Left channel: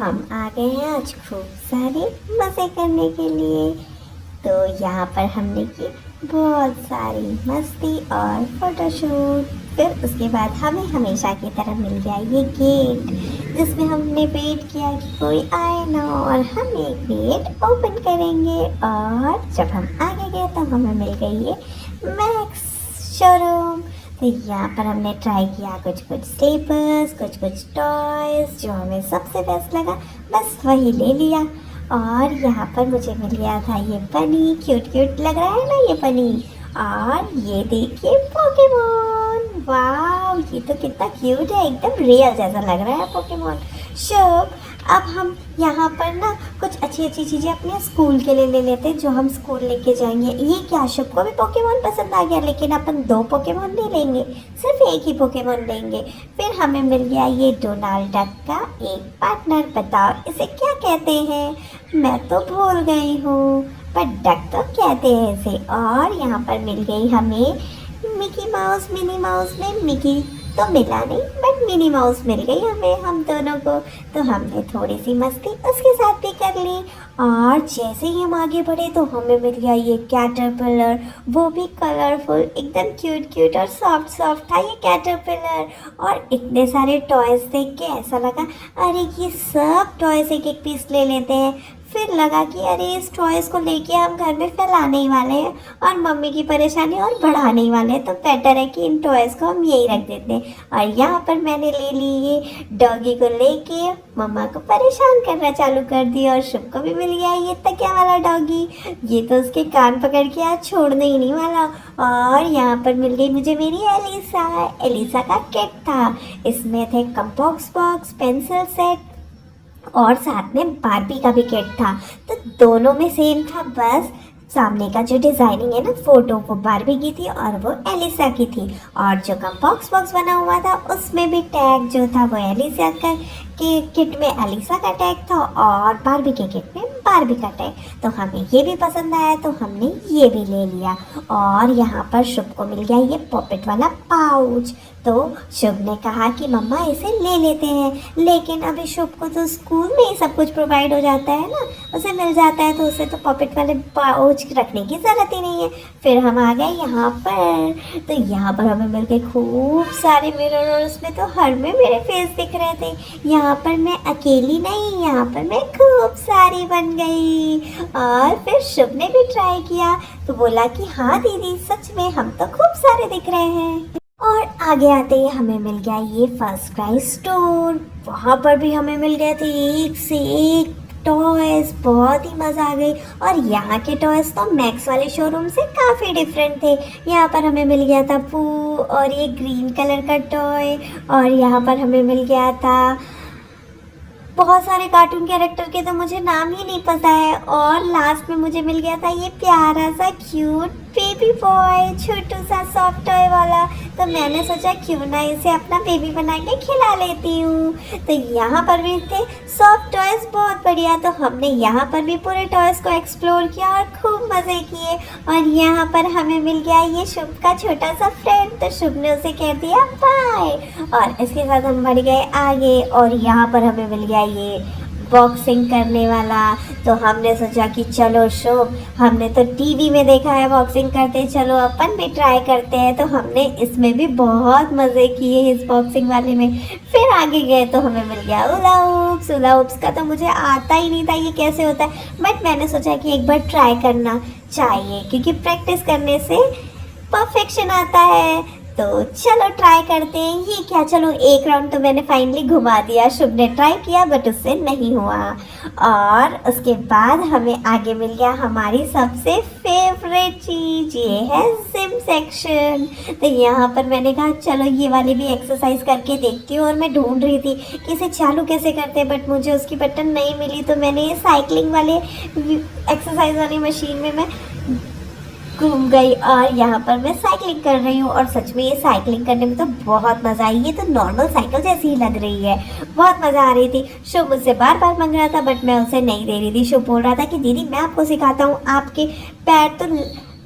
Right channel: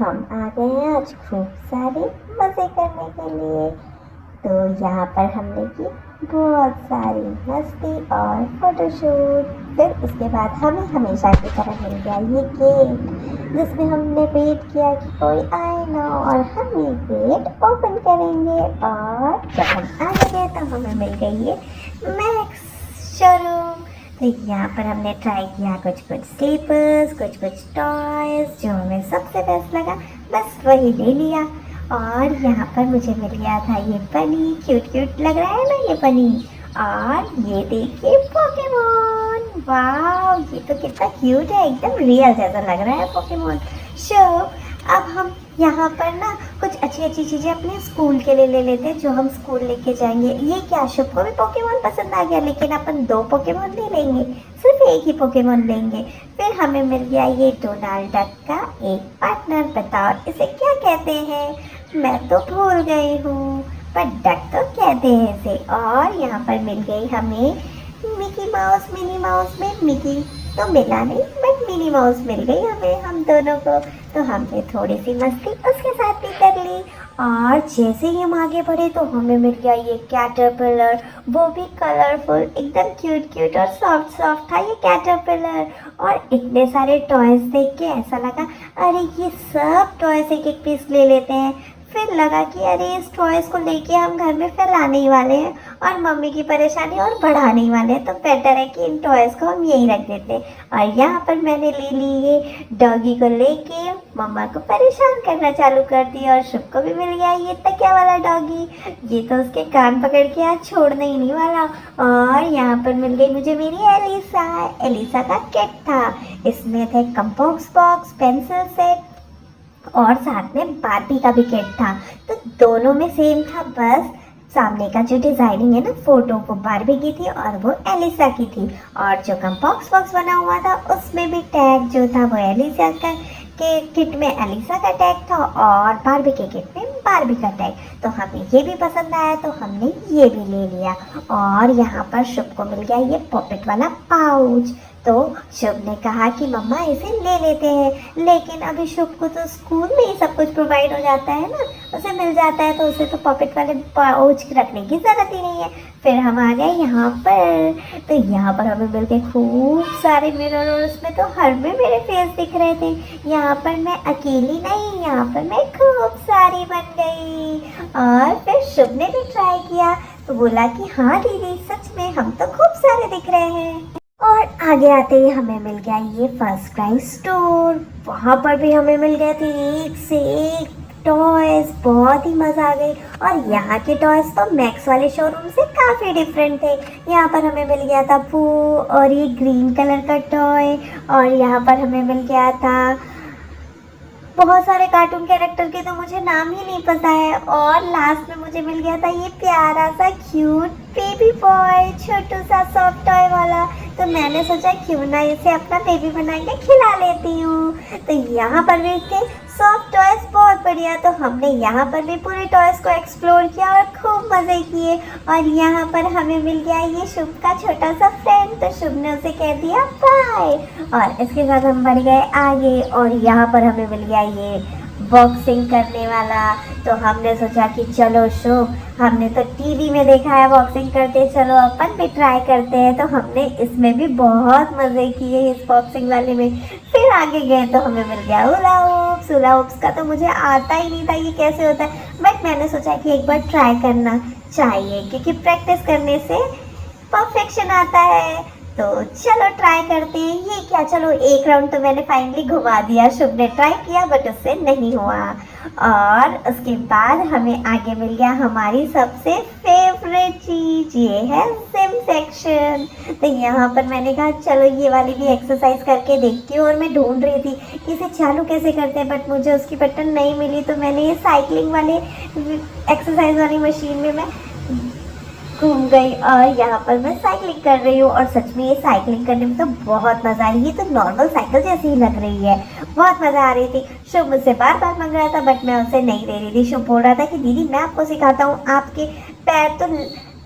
हम आ गए हैं आज खूब सारे मज़े करने के लिए। तो यहाँ पर हमने की बहुत सारी मस्ती और फोटोशूट। फिर उसके बाद हमें हमेशा की तरह मिल गया ये गेट, जिसमें हमने वेट किया कि कोई आए ना, और हम ये गेट ओपन करेंगे। और जब हम आगे गए तो हमें मिल गई ये मैक्स शोरूम। तो यहाँ पर हमने ट्राई किया कुछ कुछ स्लीपर्स, कुछ कुछ टॉयज, जो हमें सबसे बेस्ट लगा बस वही ले लिया। और यहाँ पर मुझे मिल गया था ये बनी, क्यूट क्यूट लग रहा है ना ये बनी। और ये देखिए पोकेमॉन, वाह ये तो कितना क्यूट है, एकदम रियल जैसा लग रहा है पोकेमॉन। शुभ, अब हम यहाँ पर ना कुछ अच्छी अच्छी चीज़ें अपने स्कूल के लिए ले लेते हैं, जो हम स्कूल लेके जाएंगे। ये क्या, शुभ को भी पोकेमॉन पसंद आ गया, लेकिन अपन 2 पोकेमॉन नहीं लेंगे, सिर्फ एक ही पोकेमॉन लेंगे। फिर हमें मिल गया ये डोनाल्ड डक का एक पार्टनर। बताओ इसे क्या कहते हैं, मैं तो भूल गई हूँ, पर डक तो कहते हैं इसे। और यहाँ पर मिल गई हमें मिकी माउस, मिनी माउस में मिकी तो मिला नहीं, बट मिनी माउस मिल गई हमें, हम दोनों को। तो हमने थोड़ी सी मस्ती उसके साथ भी कर ली। और जैसे ही हम आगे बढ़े तो हमें मिल गया ये कैटरपिलर, वो भी कलरफुल, एकदम क्यूट क्यूट और सॉफ्ट सॉफ्ट था ये कैटरपिलर। और इतने सारे टॉयज देख के ऐसा लगा अरे ये सब टॉयज एक एक पीस ले लेते हैं। फिर लगा कि अरे इस टॉयज को लेके हम घर में फैलाने ही वाले हैं और मम्मी की परेशानी और बढ़ाने ही वाले हैं, तो बेटर है कि इन टॉयज को हम यही रख देते हैं। और यहाँ पर मैंने ले ली ये डॉगी को लेके मम्मा को परेशान करना चालू कर दिया। और शुभ को भी मिल गया ये तकिया वाला डॉगी, ये तो उसके कान पकड़ के आज छोड़ने ही नहीं वाला। और यहाँ पर मिल गई मुझे मेरी एलिसा, एलिसा का किट था, इसमें थे कंपोस्ट बॉक्स, पेंसिल सेट और साथ में बारबी का भी किट था। तो दोनों में सेम था, बस सामने का जो डिजाइनिंग है ना फोटो, वो बारबी की थी और वो एलिसा की थी। और जो कंपोस्ट बॉक्स बना हुआ था उसमें भी टैग जो था वो एलिसा का के किट में एलिसा का टैग था और बारबी के किट में बारबी का टैग। तो हमें ये भी पसंद आया तो हमने ये भी ले लिया। और यहाँ पर शुभ को मिल गया ये पॉकेट वाला पाउच। तो शुभ ने कहा कि मम्मा इसे ले लेते हैं, लेकिन अभी शुभ को तो स्कूल में ही सब कुछ प्रोवाइड हो जाता है ना, उसे मिल जाता है, तो उसे तो पॉकेट वाले पाउच रखने की ज़रूरत ही नहीं है। फिर हम आ गए यहाँ पर, तो यहाँ पर हमें मिल गए खूब सारे मिरर और उसमें तो हर में मेरे फेस दिख रहे थे। यहाँ पर मैं अकेली नहीं, यहाँ पर मैं खूब सारी बन गई। और फिर शुभ ने भी ट्राई किया तो बोला कि हाँ दीदी सच में हम तो खूब सारे दिख रहे हैं। और आगे आते ही हमें मिल गया ये फर्स्ट क्राई स्टोर, वहाँ पर भी हमें मिल गए थे एक से एक टॉयज, बहुत ही मज़ा आ गई। और यहाँ के टॉयज तो मैक्स वाले शोरूम से काफ़ी डिफरेंट थे। यहाँ पर हमें मिल गया था पू और ये ग्रीन कलर का टॉय, और यहाँ पर हमें मिल गया था बहुत सारे कार्टून कैरेक्टर के तो मुझे नाम ही नहीं पता है। और लास्ट में मुझे मिल गया था ये प्यारा सा क्यूट बेबी बॉय, छोटू सा सॉफ्ट टॉय वाला। तो मैंने सोचा क्यों ना इसे अपना बेबी बना के खिला लेती हूँ। तो यहाँ पर भी थे सॉफ्ट टॉयज बहुत बढ़िया, तो हमने यहाँ पर भी पूरे टॉयज को एक्सप्लोर किया और खूब मज़े किए। और यहाँ पर हमें मिल गया ये शुभ का छोटा सा फ्रेंड, तो शुभ ने उसे कह दिया बाय। और इसके साथ हम बढ़ गए आगे, और यहाँ पर हमें मिल गया ये बॉक्सिंग करने वाला। तो हमने सोचा कि चलो शुभ, हमने तो टीवी में देखा है बॉक्सिंग करते, चलो अपन भी ट्राई करते हैं। तो हमने इसमें भी बहुत मज़े किए इस बॉक्सिंग वाले में। फिर आगे गए तो हमें मिल गया हुला हुप्स। हुला हुप्स का तो मुझे आता ही नहीं था ये कैसे होता है, बट मैंने सोचा कि एक बार ट्राई करना चाहिए, क्योंकि प्रैक्टिस करने से परफेक्शन आता है। तो चलो ट्राई करते हैं। ये क्या, चलो एक राउंड तो मैंने फाइनली घुमा दिया, शुभ ने ट्राई किया बट उससे नहीं हुआ। और उसके बाद हमें आगे मिल गया हमारी सबसे फेवरेट चीज़, ये है जिम सेक्शन। तो यहाँ पर मैंने कहा चलो ये वाली भी एक्सरसाइज करके देखती हूँ। और मैं ढूंढ रही थी कि इसे चालू कैसे करते हैं, बट मुझे उसकी बटन नहीं मिली। तो मैंने ये साइकिलिंग वाले एक्सरसाइज वाली मशीन में मैं घूम गई और यहाँ पर मैं साइकिलिंग कर रही हूँ। और सच में ये साइकिलिंग करने में तो बहुत मज़ा आई, ये तो नॉर्मल साइकिल जैसी ही लग रही है, बहुत मज़ा आ रही थी। शुभ मुझसे बार बार मांग रहा था बट मैं उसे नहीं दे रही थी। शुभ बोल रहा था कि दीदी मैं आपको सिखाता हूँ, आपके पैर तो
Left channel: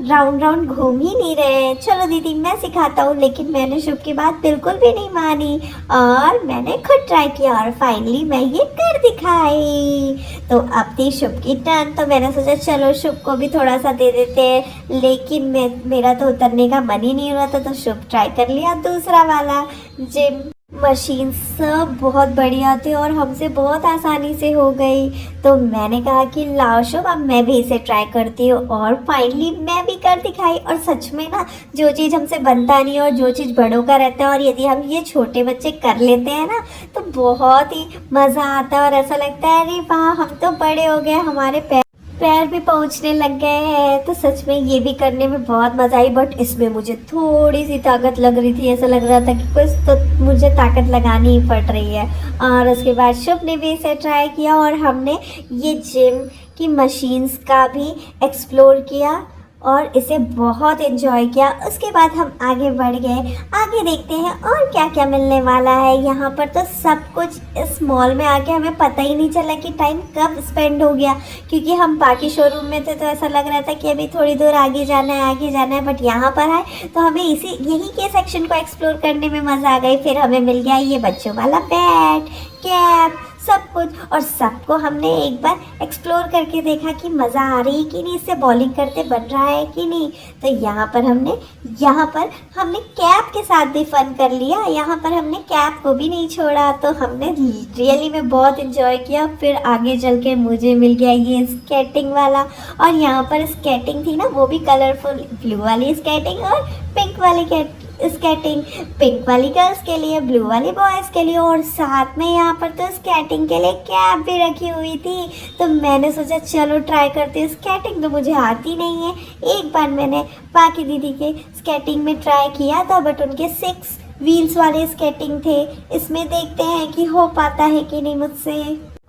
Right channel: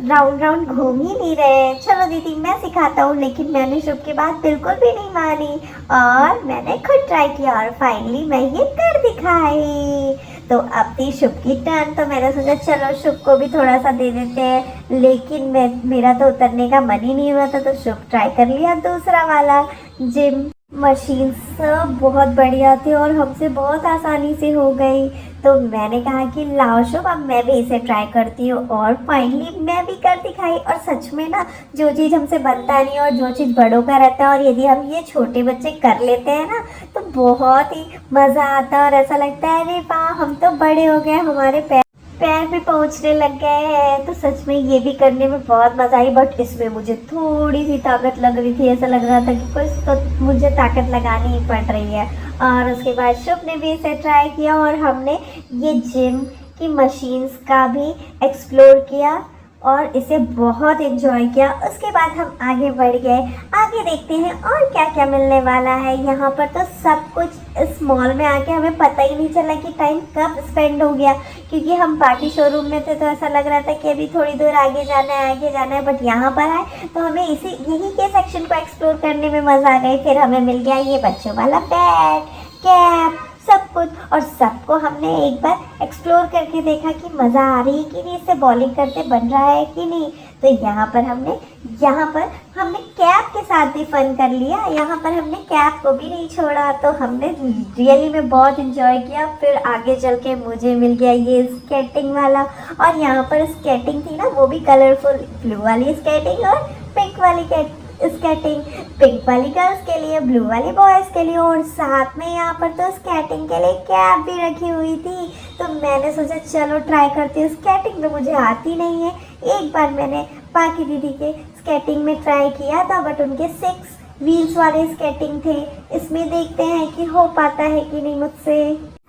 राउंड राउंड घूम ही नहीं रहे हैं। चलो दीदी मैं सिखाता हूँ। लेकिन मैंने शुभ की बात बिल्कुल भी नहीं मानी और मैंने खुद ट्राई किया और फाइनली मैं ये कर दिखाई। तो अब थी शुभ की टर्न, तो मैंने सोचा चलो शुभ को भी थोड़ा सा दे देते हैं। लेकिन मेरा तो उतरने का मन ही नहीं हो रहा था, तो शुभ ट्राई कर लिया दूसरा वाला जिम। मशीन सब बहुत बढ़िया थे और हमसे बहुत आसानी से हो गई। तो मैंने कहा कि लाओ शुभ अब मैं भी इसे ट्राई करती हूँ, और फाइनली मैं भी कर दिखाई। और सच में ना, जो चीज़ हमसे बनता नहीं और जो चीज़ बड़ों का रहता है और यदि हम ये छोटे बच्चे कर लेते हैं ना, तो बहुत ही मज़ा आता है और ऐसा लगता है अरे वाह हम तो बड़े हो गए, हमारे पैर भी पहुंचने लग गए हैं। तो सच में ये भी करने में बहुत मज़ा आई, बट इसमें मुझे थोड़ी सी ताकत लग रही थी। ऐसा लग रहा था कि कुछ तो मुझे ताकत लगानी ही पड़ रही है। और उसके बाद शुभ ने भी इसे ट्राई किया और हमने ये जिम की मशीन्स का भी एक्सप्लोर किया और इसे बहुत एंजॉय किया। उसके बाद हम आगे बढ़ गए। आगे देखते हैं और क्या क्या मिलने वाला है। यहाँ पर तो सब कुछ इस मॉल में आके हमें पता ही नहीं चला कि टाइम कब स्पेंड हो गया, क्योंकि हम बाकी शोरूम में थे तो ऐसा लग रहा था कि अभी थोड़ी दूर आगे जाना है आगे जाना है। बट यहाँ पर आए तो हमें यही के सेक्शन को एक्सप्लोर करने में मज़ा आ गई। फिर हमें मिल गया ये बच्चों वाला बैट, कैप, सब कुछ। और सबको हमने एक बार एक्सप्लोर करके देखा कि मज़ा आ रही है कि नहीं, इससे बॉलिंग करते बन रहा है कि नहीं। तो यहाँ पर हमने कैप के साथ भी फन कर लिया। यहाँ पर हमने कैप को भी नहीं छोड़ा। तो हमने रियली में बहुत इंजॉय किया। फिर आगे चल के मुझे मिल गया ये स्केटिंग वाला, और यहाँ पर स्केटिंग थी ना, वो भी कलरफुल, ब्लू वाली स्केटिंग और पिंक वाली स्केटिंग। पिंक वाली गर्ल्स के लिए, ब्लू वाली बॉयज़ के लिए, और साथ में यहाँ पर तो स्केटिंग के लिए कैप भी रखी हुई थी। तो मैंने सोचा चलो ट्राई करते हैं। स्केटिंग तो मुझे आती नहीं है। एक बार मैंने बाकी दीदी के स्केटिंग में ट्राई किया था, बट उनके 6 व्हील्स वाले स्केटिंग थे। इसमें देखते हैं कि हो पाता है कि नहीं मुझसे।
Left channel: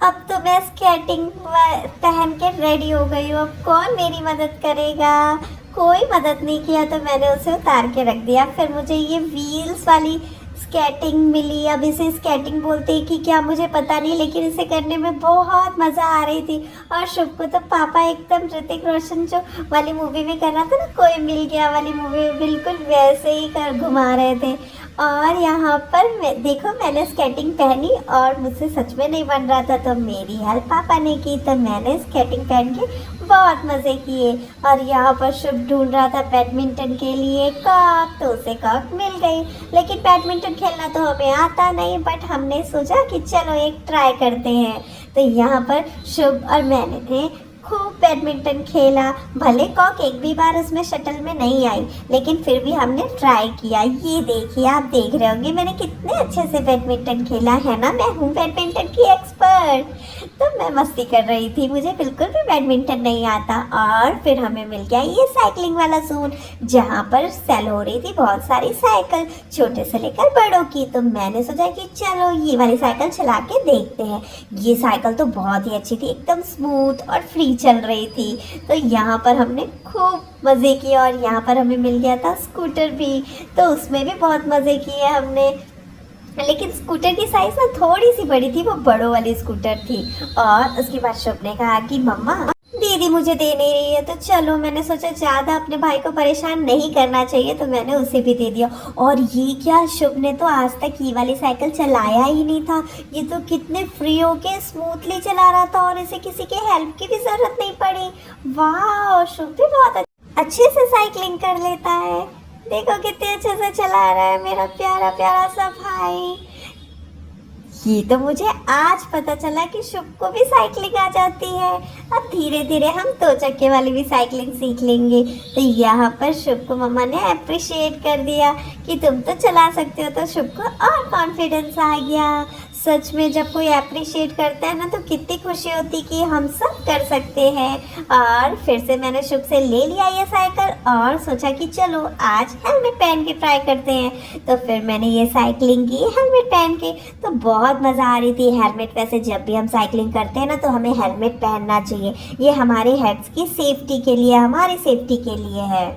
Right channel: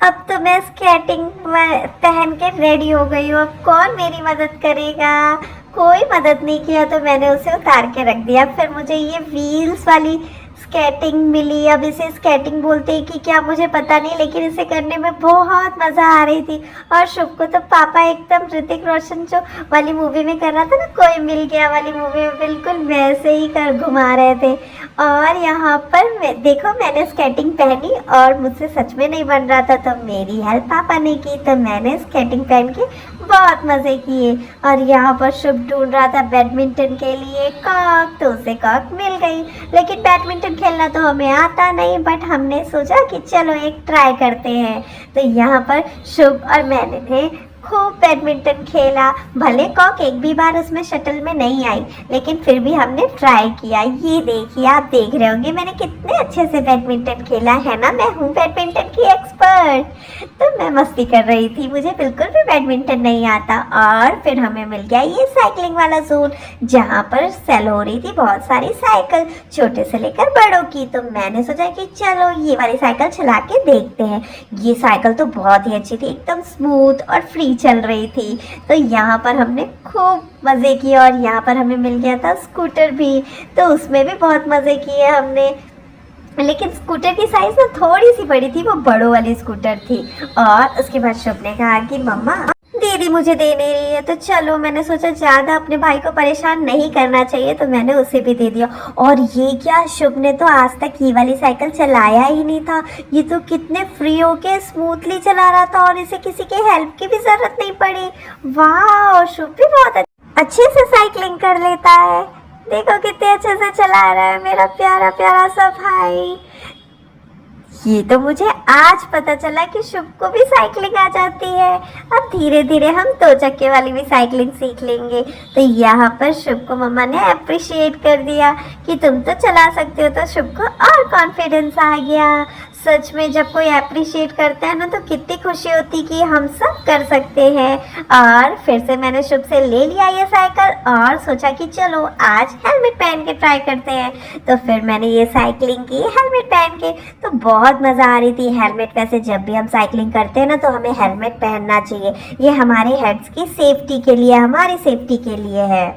अब तो मैं स्केटिंग पहन के रेडी हो गई हूँ। अब कौन मेरी मदद करेगा? कोई मदद नहीं किया, तो मैंने उसे उतार के रख दिया। फिर मुझे ये व्हील्स वाली स्केटिंग मिली। अब इसे स्केटिंग बोलते हैं कि क्या मुझे पता नहीं, लेकिन इसे करने में बहुत मज़ा आ रही थी। और शुभ को तो पापा एकदम ऋतिक रोशन जो वाली मूवी में कर रहा था ना, कोई मिल गया वाली मूवी में, बिल्कुल वैसे ही कर घुमा रहे थे। और यहाँ पर देखो मैंने स्केटिंग पहनी और मुझसे सच में नहीं बन रहा था, तो मेरी हेल्प पापा ने की। तो मैंने स्केटिंग पहन के बहुत मज़े किए। और यहाँ पर शुभ ढूंढ रहा था बैडमिंटन के लिए कॉक, तो उसे कॉक मिल गई। लेकिन बैडमिंटन खेलना तो हमें आता नहीं, बट हमने सोचा कि चलो एक ट्राई करते हैं। तो यहाँ पर शुभ और मैंने थे खूब बैडमिंटन खेला। भले कॉक एक भी बार उसमें शटल में नहीं आई, लेकिन फिर भी हमने ट्राई किया। ये देखिए, आप देख रहे होंगे मैंने कितने अच्छे से बैडमिंटन खेला है ना, मैं हूँ बैडमिंटन की एक्सपर्ट। तो मैं मस्ती कर रही थी, मुझे बिल्कुल भी बैडमिंटन नहीं आता। और फिर हमें मिल गया ये साइकिलिंग वाला जोन, जहाँ पर सेल हो रही थी बहुत सारी साइकिल, छोटे से लेकर बड़ों की। तो मैंने सोचा कि चलो ये वाली साइकिल चला के देखते हैं। ये साइकिल तो बहुत ही अच्छी थी, एकदम स्मूथ और फ्री चल रही थी। तो यहाँ पर हमने खूब मज़े किए। और यहाँ पर हमें मिल गया था स्कूटर भी, तो उसमें भी बहुत मज़े किए हमने। लेकिन स्कूटर की साइज ना थोड़ी सी बड़ी थी, वो बड़ों वाली स्कूटर थी। और उसके बाद शुभ ने कहा कि मम्मा दीदी मुझे दे नहीं रही है, तो चलो मैंने सोचा ज़्यादा अपने भाई को परेशान नहीं करना चाहिए, तो मैंने उसे भी दे दिया। और ये क्या, शुभ ने तो आज तक ये वाली साइकिल चलाया ही नहीं था। ये तो कितने फ्री होके स्मूथली चला रहा था और इसे किसी के हेल्प की भी ज़रूरत नहीं पड़ी। वाह, शुभ भी बहुत अच्छे से साइकिलिंग कर लेता है। देखो कितने अच्छे से चला रहा है मेरा प्यारा प्यारा सा भाई। ये तो मुझे आज पता चला कि शुभ को भी साइकिलिंग आ जाती है। अब धीरे धीरे हम 2 चक्के वाली भी साइकिलिंग सीख लेंगे। तो यहाँ पर शुभ को मम्मा ने अप्रिशिएट कर दिया कि तुम तो चला सकते हो, तो शुभ को और कॉन्फिडेंस आ गया। सच में जब कोई अप्रिशिएट करता है ना, तो कितनी खुशी होती कि हम सब कर सकते हैं। और फिर से मैंने शुभ से ले लिया ये साइकिल और सोचा कि चलो आज हेलमेट पहन के ट्राई करते हैं। तो फिर मैंने ये साइकिलिंग की हेलमेट पहन के, तो बहुत मज़ा आ रही थी। हेलमेट वैसे जब भी हम साइकिलिंग करते हैं ना, तो हमें हेलमेट पहनना चाहिए। ये हमारे हेड्स की सेफ्टी के लिए, हमारी सेफ्टी के लिए है।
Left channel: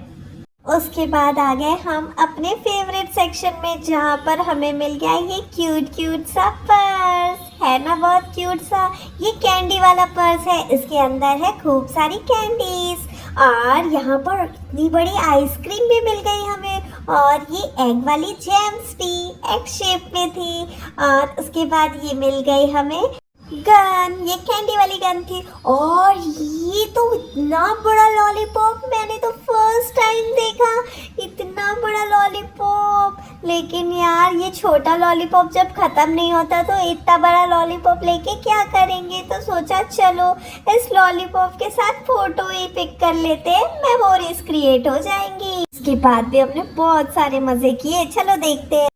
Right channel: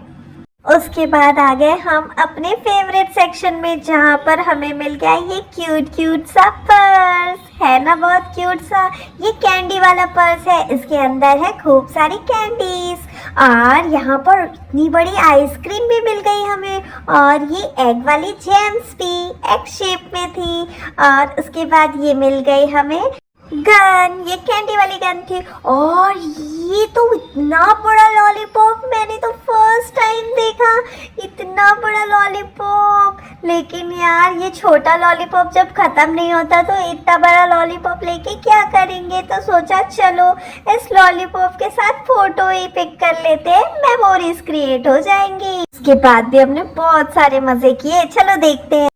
उसके बाद आ गए हम अपने फेवरेट सेक्शन में, जहाँ पर हमें मिल गया ये क्यूट क्यूट सा पर्स। है ना बहुत क्यूट सा। ये कैंडी वाला पर्स है, इसके अंदर है खूब सारी कैंडीज। और यहाँ पर इतनी बड़ी आइसक्रीम भी मिल गई हमें, और ये एग वाली जेम्स भी एग शेप में थी। और उसके बाद ये मिल गई हमें गन, ये कैंडी वाली गन थी। और ये तो इतना बड़ा लॉलीपॉप, मैंने तो फर्स्ट टाइम देखा इतना बड़ा लॉलीपॉप। लेकिन यार ये छोटा लॉलीपॉप जब खत्म नहीं होता तो इतना बड़ा लॉलीपॉप लेके क्या करेंगे, तो सोचा चलो इस लॉलीपॉप के साथ फोटो ही पिक कर लेते हैं, मेमोरीज क्रिएट हो जाएंगी। इसके बाद भी हमने बहुत सारे मजे किए, चलो देखते हैं।